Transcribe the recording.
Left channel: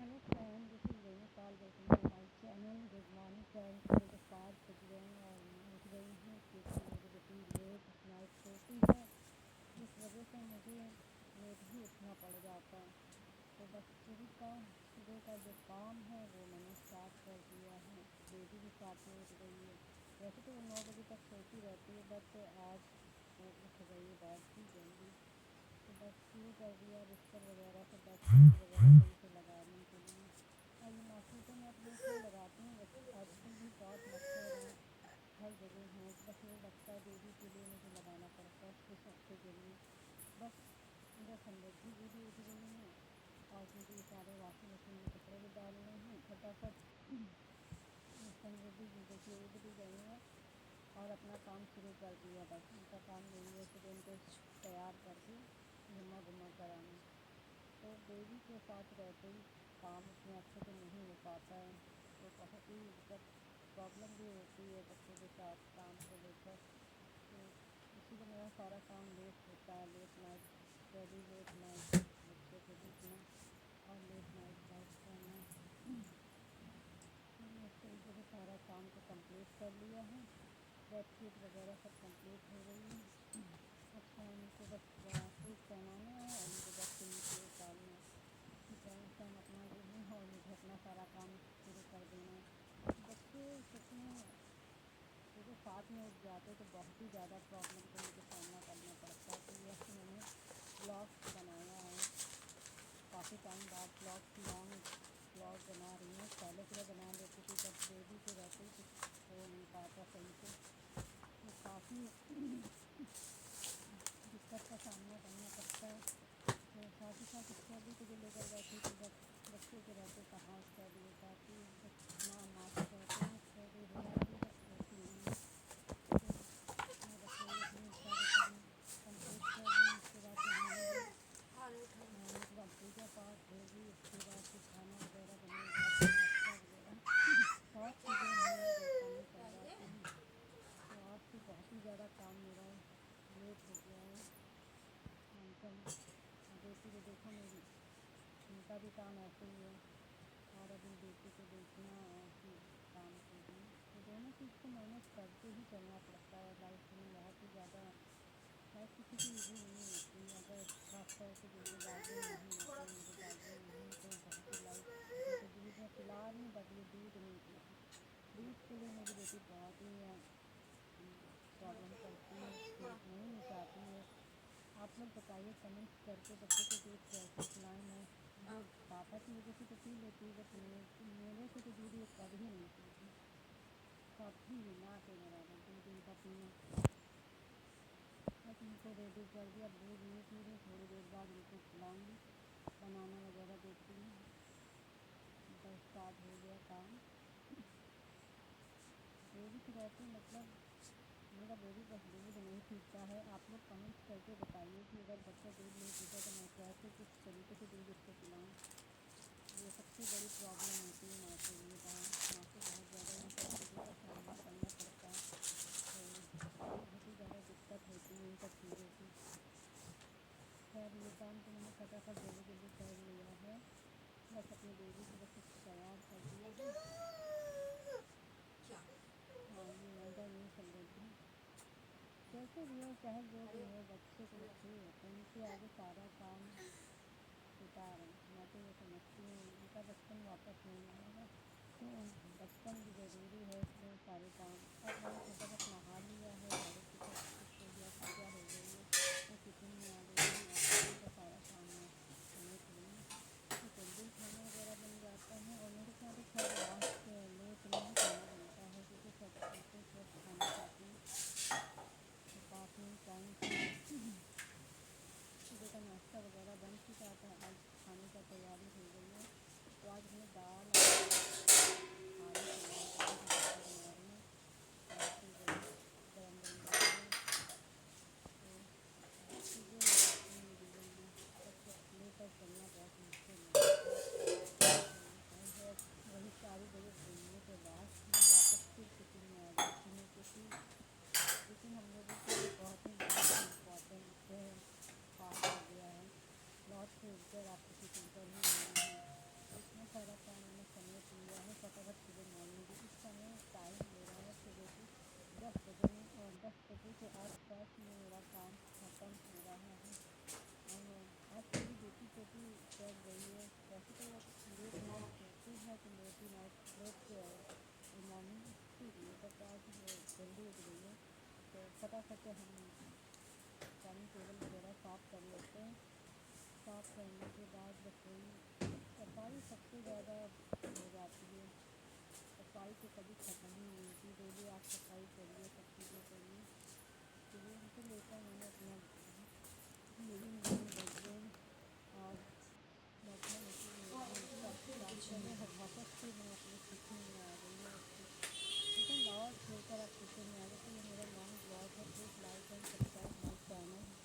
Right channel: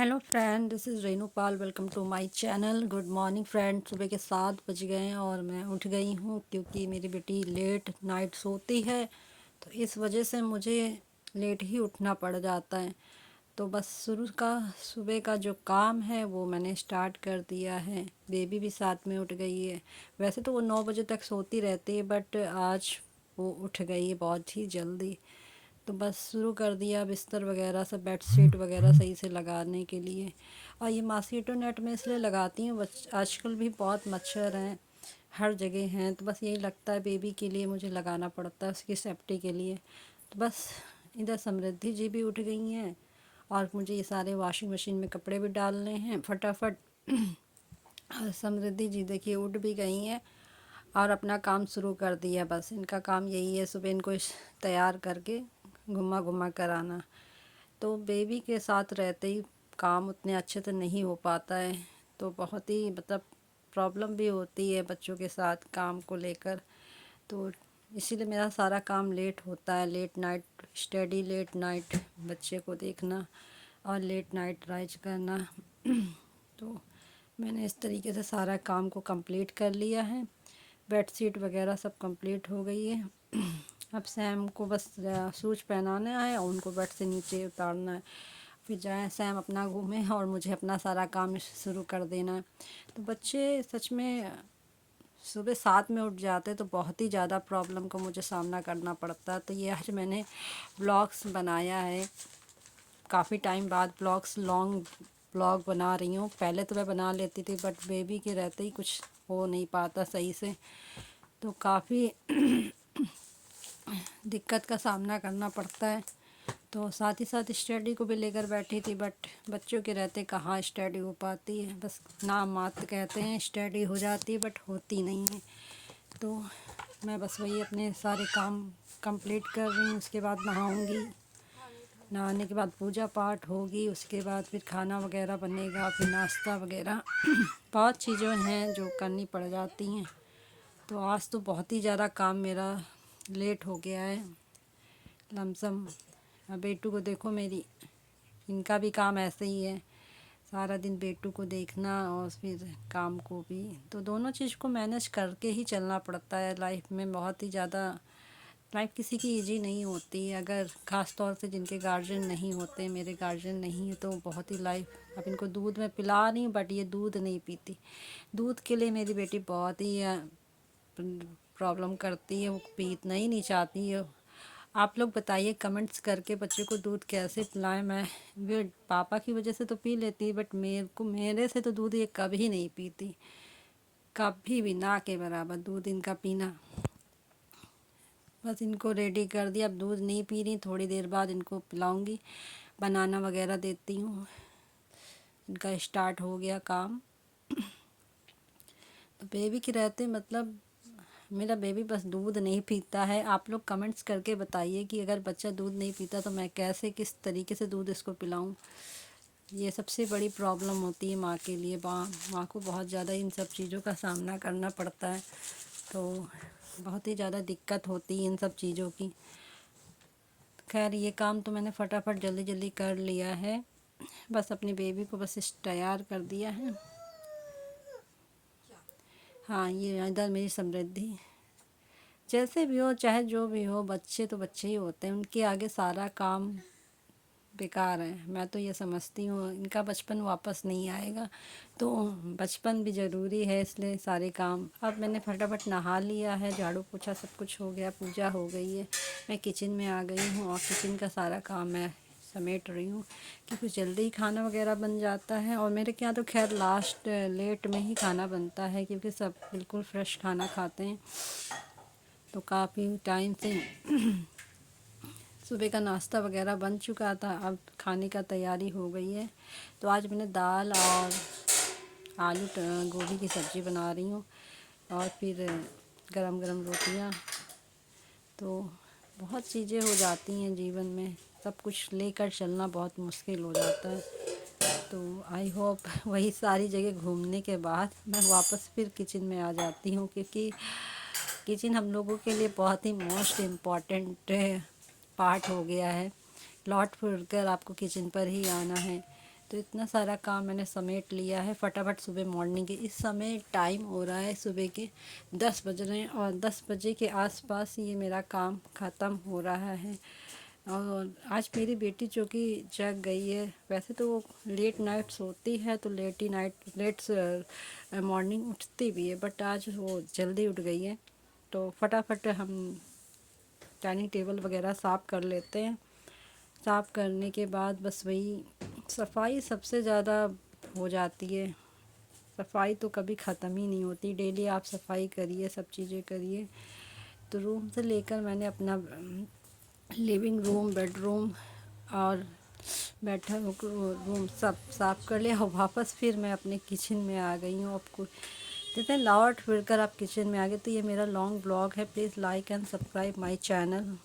Hello friend, this is Renu Pal. Welcome to my channel. Good morning friend. सुबह के 7 बज गए हैं और मैं उठ गई हूँ क्योंकि मेरी बेटी लेट नाइट सोती है, तो इस वजह से मुझे लेट ही उठना पड़ जाता है। तो बस सुबह का जो काम है वो मैंने स्टार्ट कर दिया है। बेबी भी साथ में उठ गई है। वैसे तो वो 9 बजे तक सोती रहती है, बट आज वो उठ गई है बहुत ही जल्दी। तो बस शुरू कर दिया बिस्तर वगैरह सब, बेडशीट वगैरह सही से लगाने के लिए। और ये मॉस्किटो नेट में इसलिए लगाती हूँ, आजकल भी बहुत मच्छर हैं, हर जगह हैं, तो बस यही लगता है बेबी के लिए मुझे लगाना पड़ता है, उसकी सेफ्टी के लिए। तो बस इधर समृद्धि जी भी उठ गई हैं और मुझे ये सारे वॉशिंग मशीन में कपड़े भी डालने हैं फटाफट। और समृद्धि जी देखिए उठ भी गई हैं और अपना काम शुरू कर दिया। बस इनका काम यही है, सुबह इनको तैयार करके घुमा घुमा कर आना। तो बेबी के साथ रहते ही काम उतने अच्छे से नहीं हो पाता है, तो बहुत ही मतलब प्रॉब्लम भी होती है बच्चों के साथ काम को लेकर। तो इसीलिए मेरा सारा काम लेट होता है। Late night study, late night बच्चे को देखना और लेट नाइट राइज करना। तो मैंने इस तरीके से सारा काम को कंप्लीट कर लिया है। बेडशीट वगैरह सब कंप्लीट हो गई है। अब सैम को बस शूज पहनाना है और उनको बेड से नीचे उतारना है, फिर जाए सैम अपना घूमे और मुझे अपना सारा काम शुरू कर देना है। तो बच्चे सच में सुबह 7 में उठ जाते तो बहुत ही ज़्यादा प्रॉब्लम का मुझे सामना करना पड़ता। तो ये आज मैंने ब्लॉग्स बनाया है, काफ़ी टाइम बाद ब्लॉग्स, लॉन्ग ब्लॉग बना रही हूँ। पहले तो मैं बना लेती थी, बट बेबी के रहते ही कुछ हो नहीं पाता सही से, तो काफ़ी दिक्कत का सामना करना पड़ता है। तो साथ ही साथ स्टडी को भी लेकर बैठी थी, बट बच्चों के रहते कहाँ स्टडी हो पाती है। बस नाम मात्र कहते हैं स्टडी हो जाती है, बट होती नहीं है। तो मैं बस वही अपने सारे काम कंप्लीट कर रही हूँ। उसके बाद नहाऊंगी, नहाने के बाद पूजा पाठ होगी, उसके बाद फिर खाना वगैरह बनेगा, फिर नाश्ता वगैरह बहुत चीज़ें हैं जो करनी पड़ जाती हैं। तो आज तो बहुत ही ज़्यादा काम मेरा लेट हो गया है लमसम। बेटू को देखो मेरी, इनका भी काम ऐसे ही है, सारा दिन बेटू को देखना और फिर काम को भी। तो दोनों चीज़ को मैनेज करके ही चलना पड़ता है लाइफ में। बहुत ही ज़्यादा लाइफ किसी की इजी नहीं होती है, अगर ख़ास तौर से जिनके गार्जियन नहीं होते। मेरे गार्जियन नहीं है तो बहुत ही लाइफ। अब इनको दूध में पिला रही हूँ, बट ये दूध नहीं पीती। दूध के लिए मेरी बेटी बहुत ही प्रॉब्लम करती है, वो पीना ही नहीं चाहती है। आप लोग बताइए कमेंट्स करके बच्चे को दूध कैसे पिलाएं। मैं वो पापा की वजह से तो पी लेती है, बट मेरे से तो दूध ये कभी नहीं पीती, कभी भी ना के बराबर दूध इनका पीना। बस इनको रेडी कर दिया, अब दूध नहीं पी रही, थोड़ी देर बाद इनको पिलाऊंगी, बनाना वगैरह देती हूँ। इनका स्टार्ट हो गया काम। तो बेबी के रहते मतलब मेरा बेबी बस दूध नहीं पीता है। आप लोग कमेंट्स करके बताइए कि अगर बच्चा दूध नहीं पीता तो मैं कैसे, किस तरीके से दूध इसको पिलाऊं। ये सबसे बड़ी प्रॉब्लम होती है माँ के लिए। माँ को बहुत ज़्यादा इन सब चीज़ों का सामना करना पड़ता है, तो बहुत ही ज़्यादा दिक्कत होती है इन सब चीज़ों की। खैर ये काम तो मैंने फटाफट जल्दी जल्दी कर लिया है। बस अपनी बेबी को बस तैयार कर दिया है। हाँ, ये इधर मेरी समृद्धि। जैसे भी हो चाहे जो भी हो, बच्चे तो बच्चे ही होते हैं, उनके आगे सारा काम बेकार है। मैं तो ये समझती हूँ इनका बचपन वापस नहीं आएगा, तो बचपन भी ज़रूरी है, इसलिए सारे काम। अब मैंने फटाफट नहा लिया है, झाड़ू पोछा सब कुछ हो गया, पूजा हो गई है। मैं किचन में आ गई हूँ और किचन का सारा काम मैं समेट रही हूँ कि कुछ जल्दी ही खाना वगैरह बन जाता है। और मेरे क्या तो खैर लास्ट लेट में ही खाना बनता है, क्योंकि सब बिल्कुल फ्रेश खाना खाते हैं। तो काफ़ी टाइम से सुबह का नाश्ता वगैरह बन चुका था, अब खाने का तैयारी हो गई है। तो आज मैंने दाल और आलू गोभी की सब्ज़ी बना रही हूँ और फिर गरम गरम रोटियाँ। तो बहुत चीज़ें हो जाती हैं जीवन में, सब कुछ लेकर चलना बहुत मुश्किल हो जाता है। तो आई होप वही सारी जगह घूमने के बाद मैं वापस फिर किचन में आ जाती हूँ, क्योंकि किचन हम लोगों के लिए बहुत ही मोस्ट इम्पॉर्टेंट पार्ट हो गया है। लौट फिर कर आपको किचन पर ही आना है। तो इतना सारा काम मैंने समेट लिया है फटाफट सुबह मॉर्निंग के। इस समय टाइम हो रहा है सुबह के 10 बज रहे हैं और 10 बजे के आसपास ये मेरा काम ख़त्म हो रहा है। और आज मेरी बेटी जो कि जग गई है, वैसे तो वो लेट नाइट सोती है तो लेट मॉर्निंग उठती भी है, बट आज वो जल्दी उठ गई है। तो फटाफट हम डाइनिंग टेबल वगैरह साफ़ कर लेते हैं। साफ़ करने के बाद बस वही सफाई सबसे ज़्यादा हो जाती है। सफाई तो कभी ख़त्म ही नहीं होती, डेली आप सफाई करिए, सब चीज़ें करिए। तो रूम से लेकर मैंने अपना लिविंग रूम, बेडरूम और बैठक रूम सब साफ़ कर लिया और वापस फिर मैं अपने किचन में आ गई हूँ। आपको जितने लौट फिर कर आप किचन में आ गए। तो ये मेरा लॉन्ग ब्लॉग है, please like and subscribe my channel.